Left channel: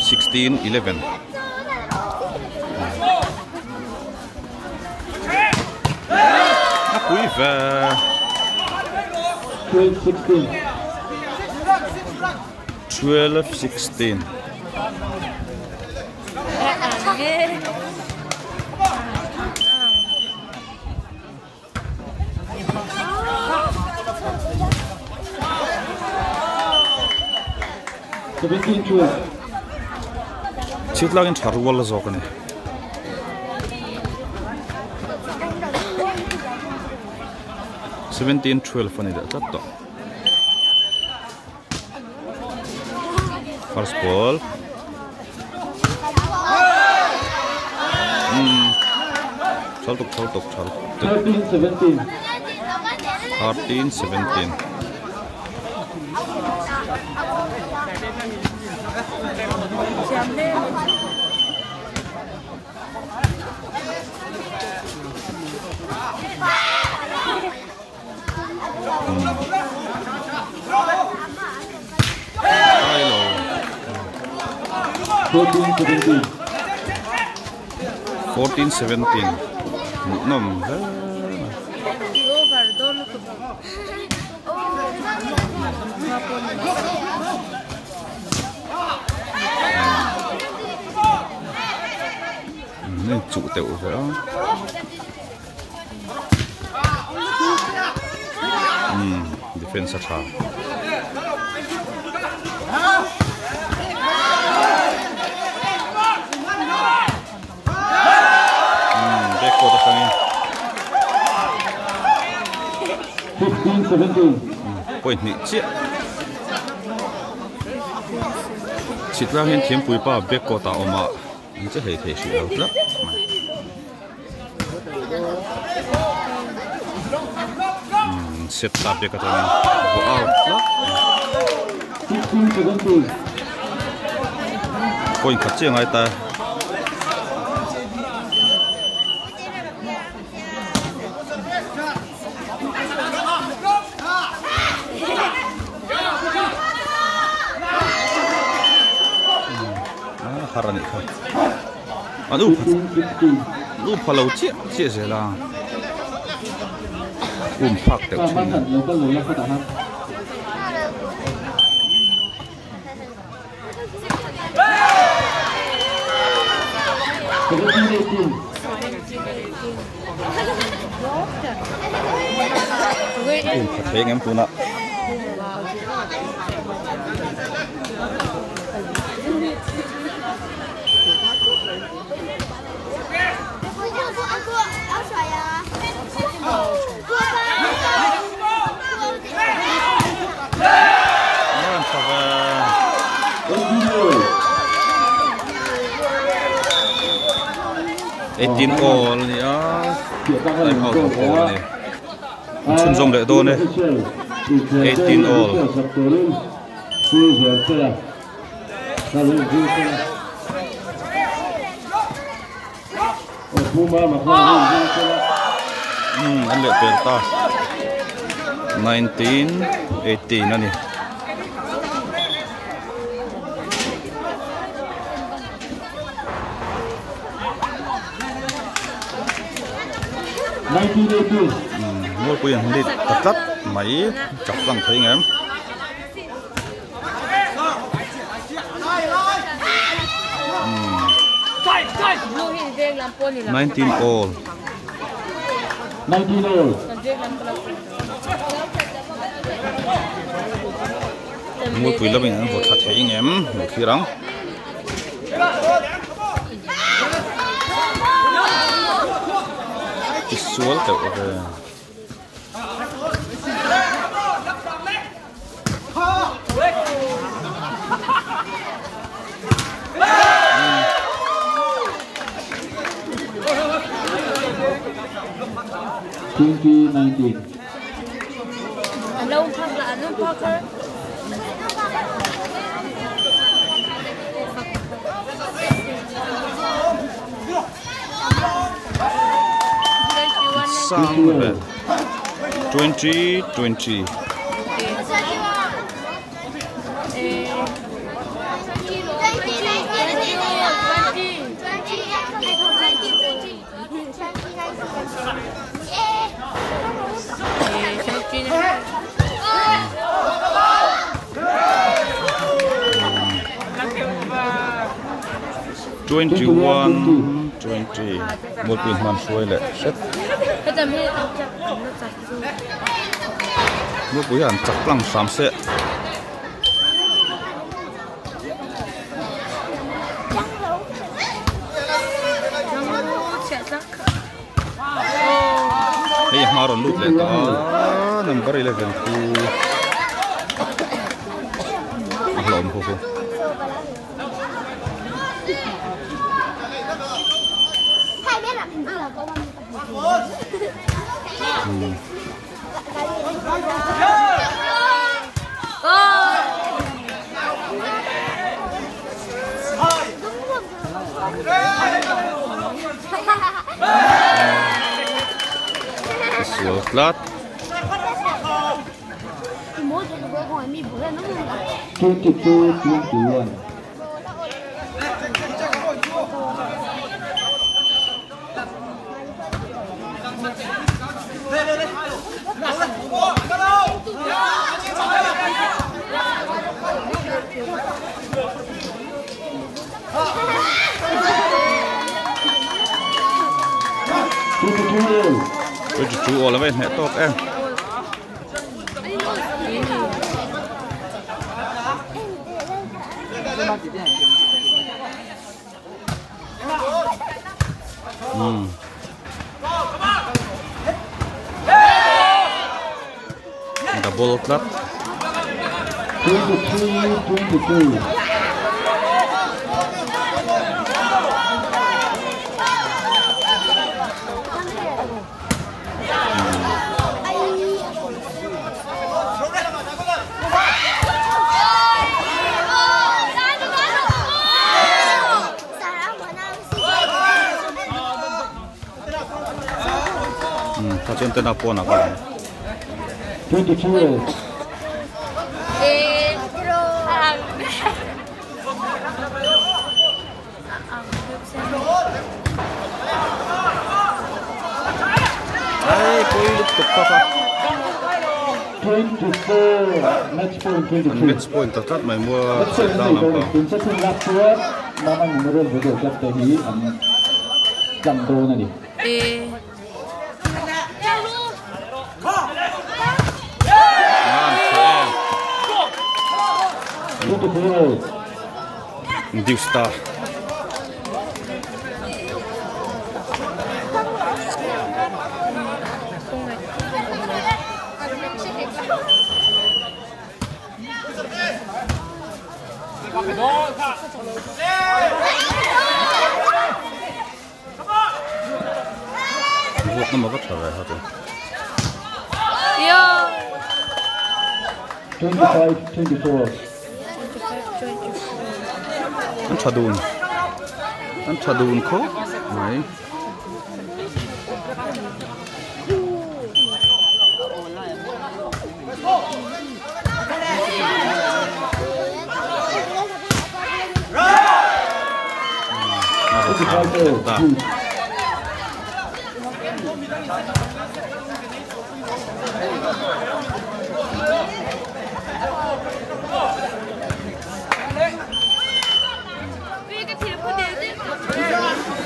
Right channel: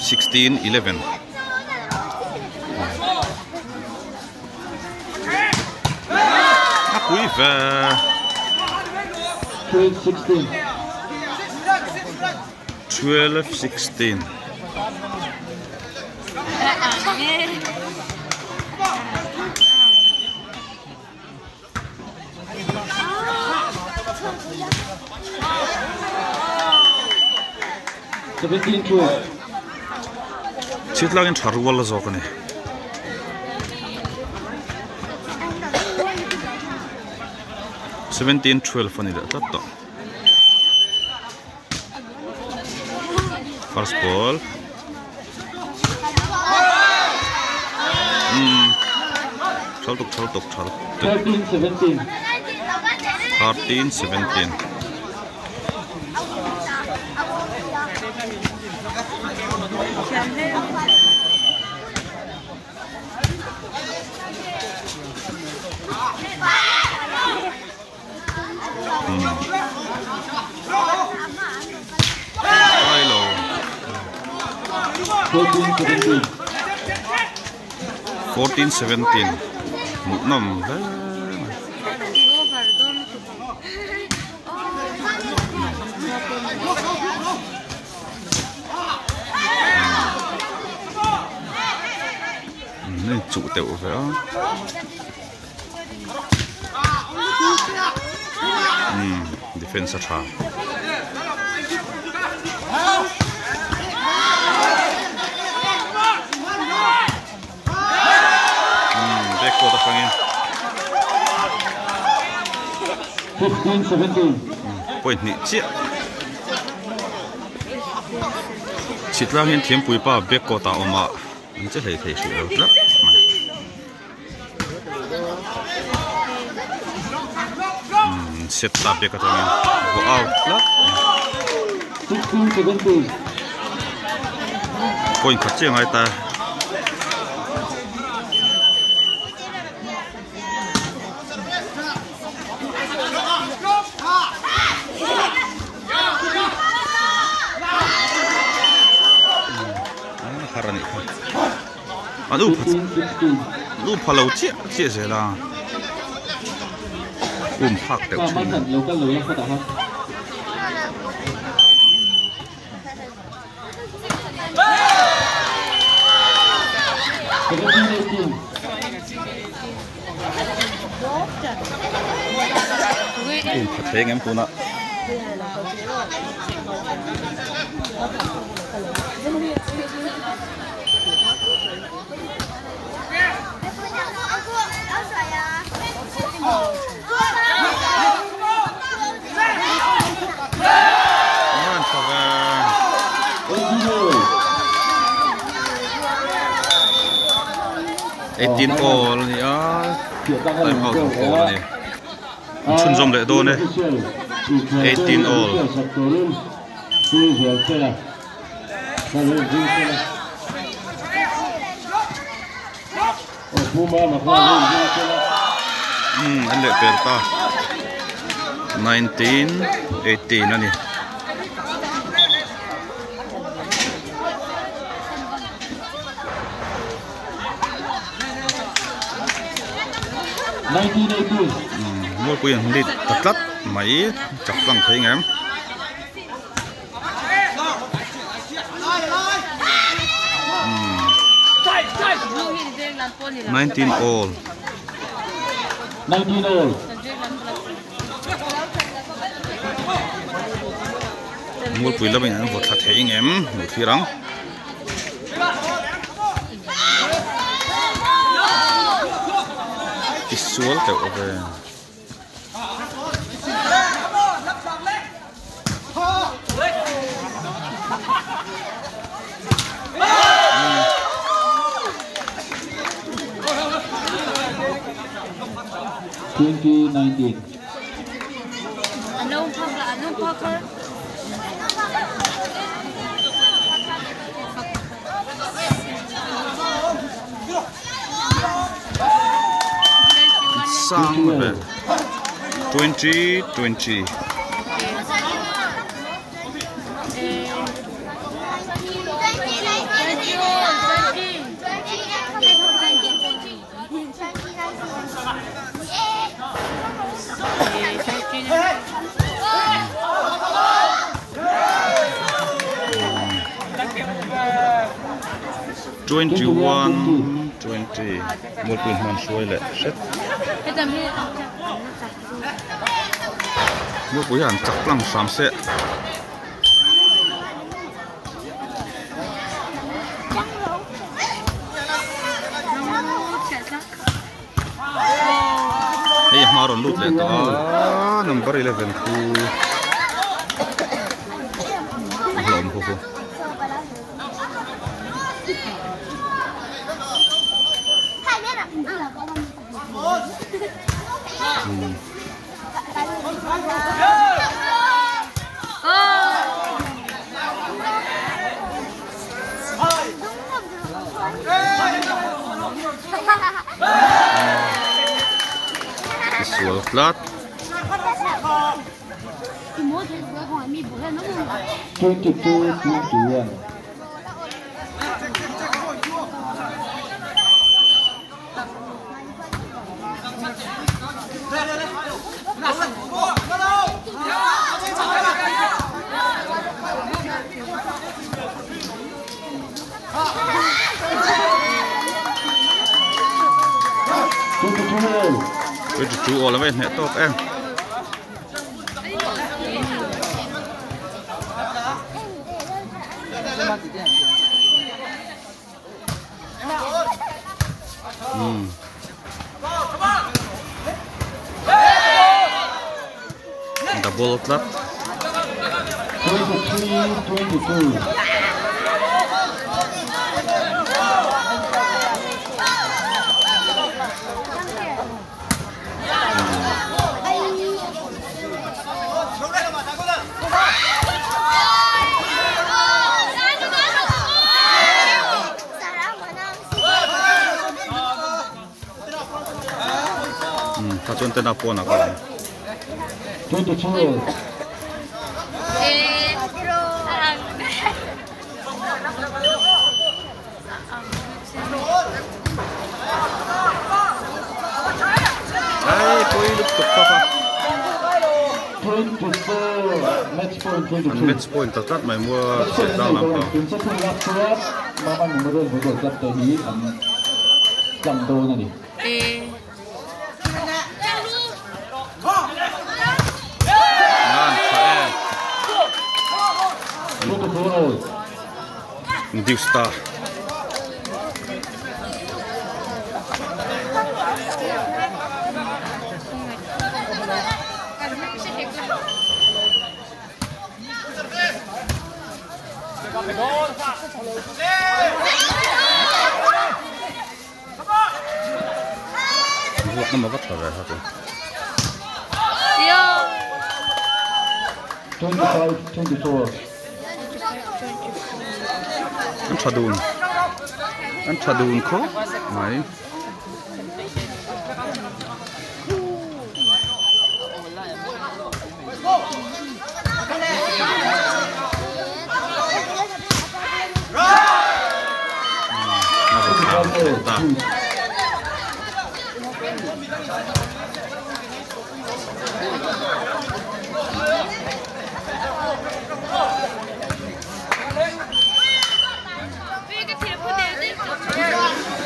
16-11. Apuiva. 12-16. 12-16. Sitlagin charwala zokane. 17-12 ani da tatto. First ball. Chaltuk. 13-17. 13-17. Hello. 14-17. 14-17. Nom. Nên chủ tiểu phải không? Defense tra. Back quarter sang 15-17. Point ni chia. Chit lang hin thiam pui pa back quarter oma. Anh chắc thầy sự out lắm mà. Set up back quarter ni. Go out lắm. 16-17. Point khát chiang ai ta. Harani. Lu palau chia se la. Pak teu chu. Pat theng em puna. Run cover. 18 all ya. Tại how to all này. Chun zom le do ne. 18 all. Anh lệ per ta. 19-18 nani. Mua quyền đi thật lắm máy chọc bằng thấy em. Nineteen all. 19 all. Mua quyền là mình vượt thật thấy em một phía đó. Visual teu về. Sang về 20-20. 21 20 mua quyền màn xuôi lệ set mua quý hẳn chắc lăng sám sẽ hey mà rồi lút lên đó number 11 khu lộn khu Suol flat 22-21. chú ổ là vậy nè tốt em double club 23-22. ta chọn tên nào po nào vậy 22. ai poi lúc tục pa 24. Match point 22. match point tắt mày mua set down làm sao Chúng sẽ không lắp suốt mà mình mới được với đội tập tới hí ăn dầm đô này đi. em Dew Star Vuok nama vắt vào hả 25-24. Anh thà đun khó mày ta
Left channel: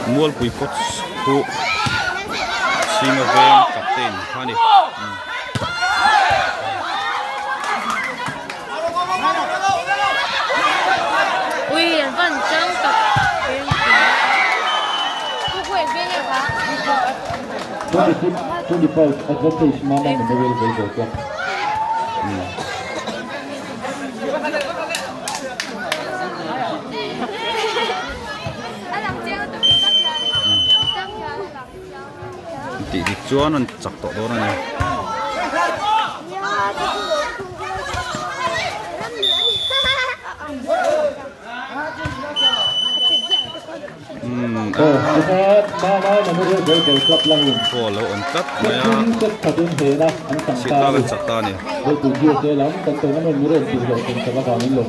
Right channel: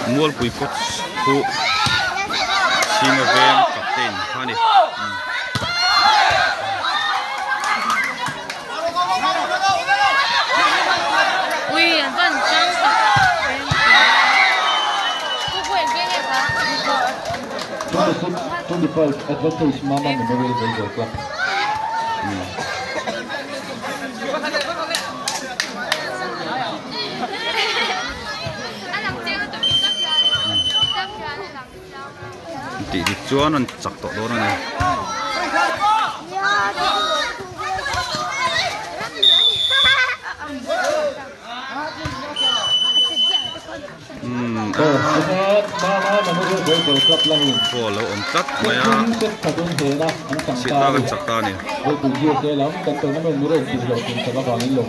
mual pui coach khu sima vem captain hani ui认真的 26-25 advantage Mama Memorial Baseball Club. Đi chuan anh chặt tổ đó này Mama Memorial Baseball Club lang. follow on cut maya Sita kan chakta ni với cú chia sẻ lắm, cần tôi nó mình muốn được chỉ lộ tình cho các bạn lên lục.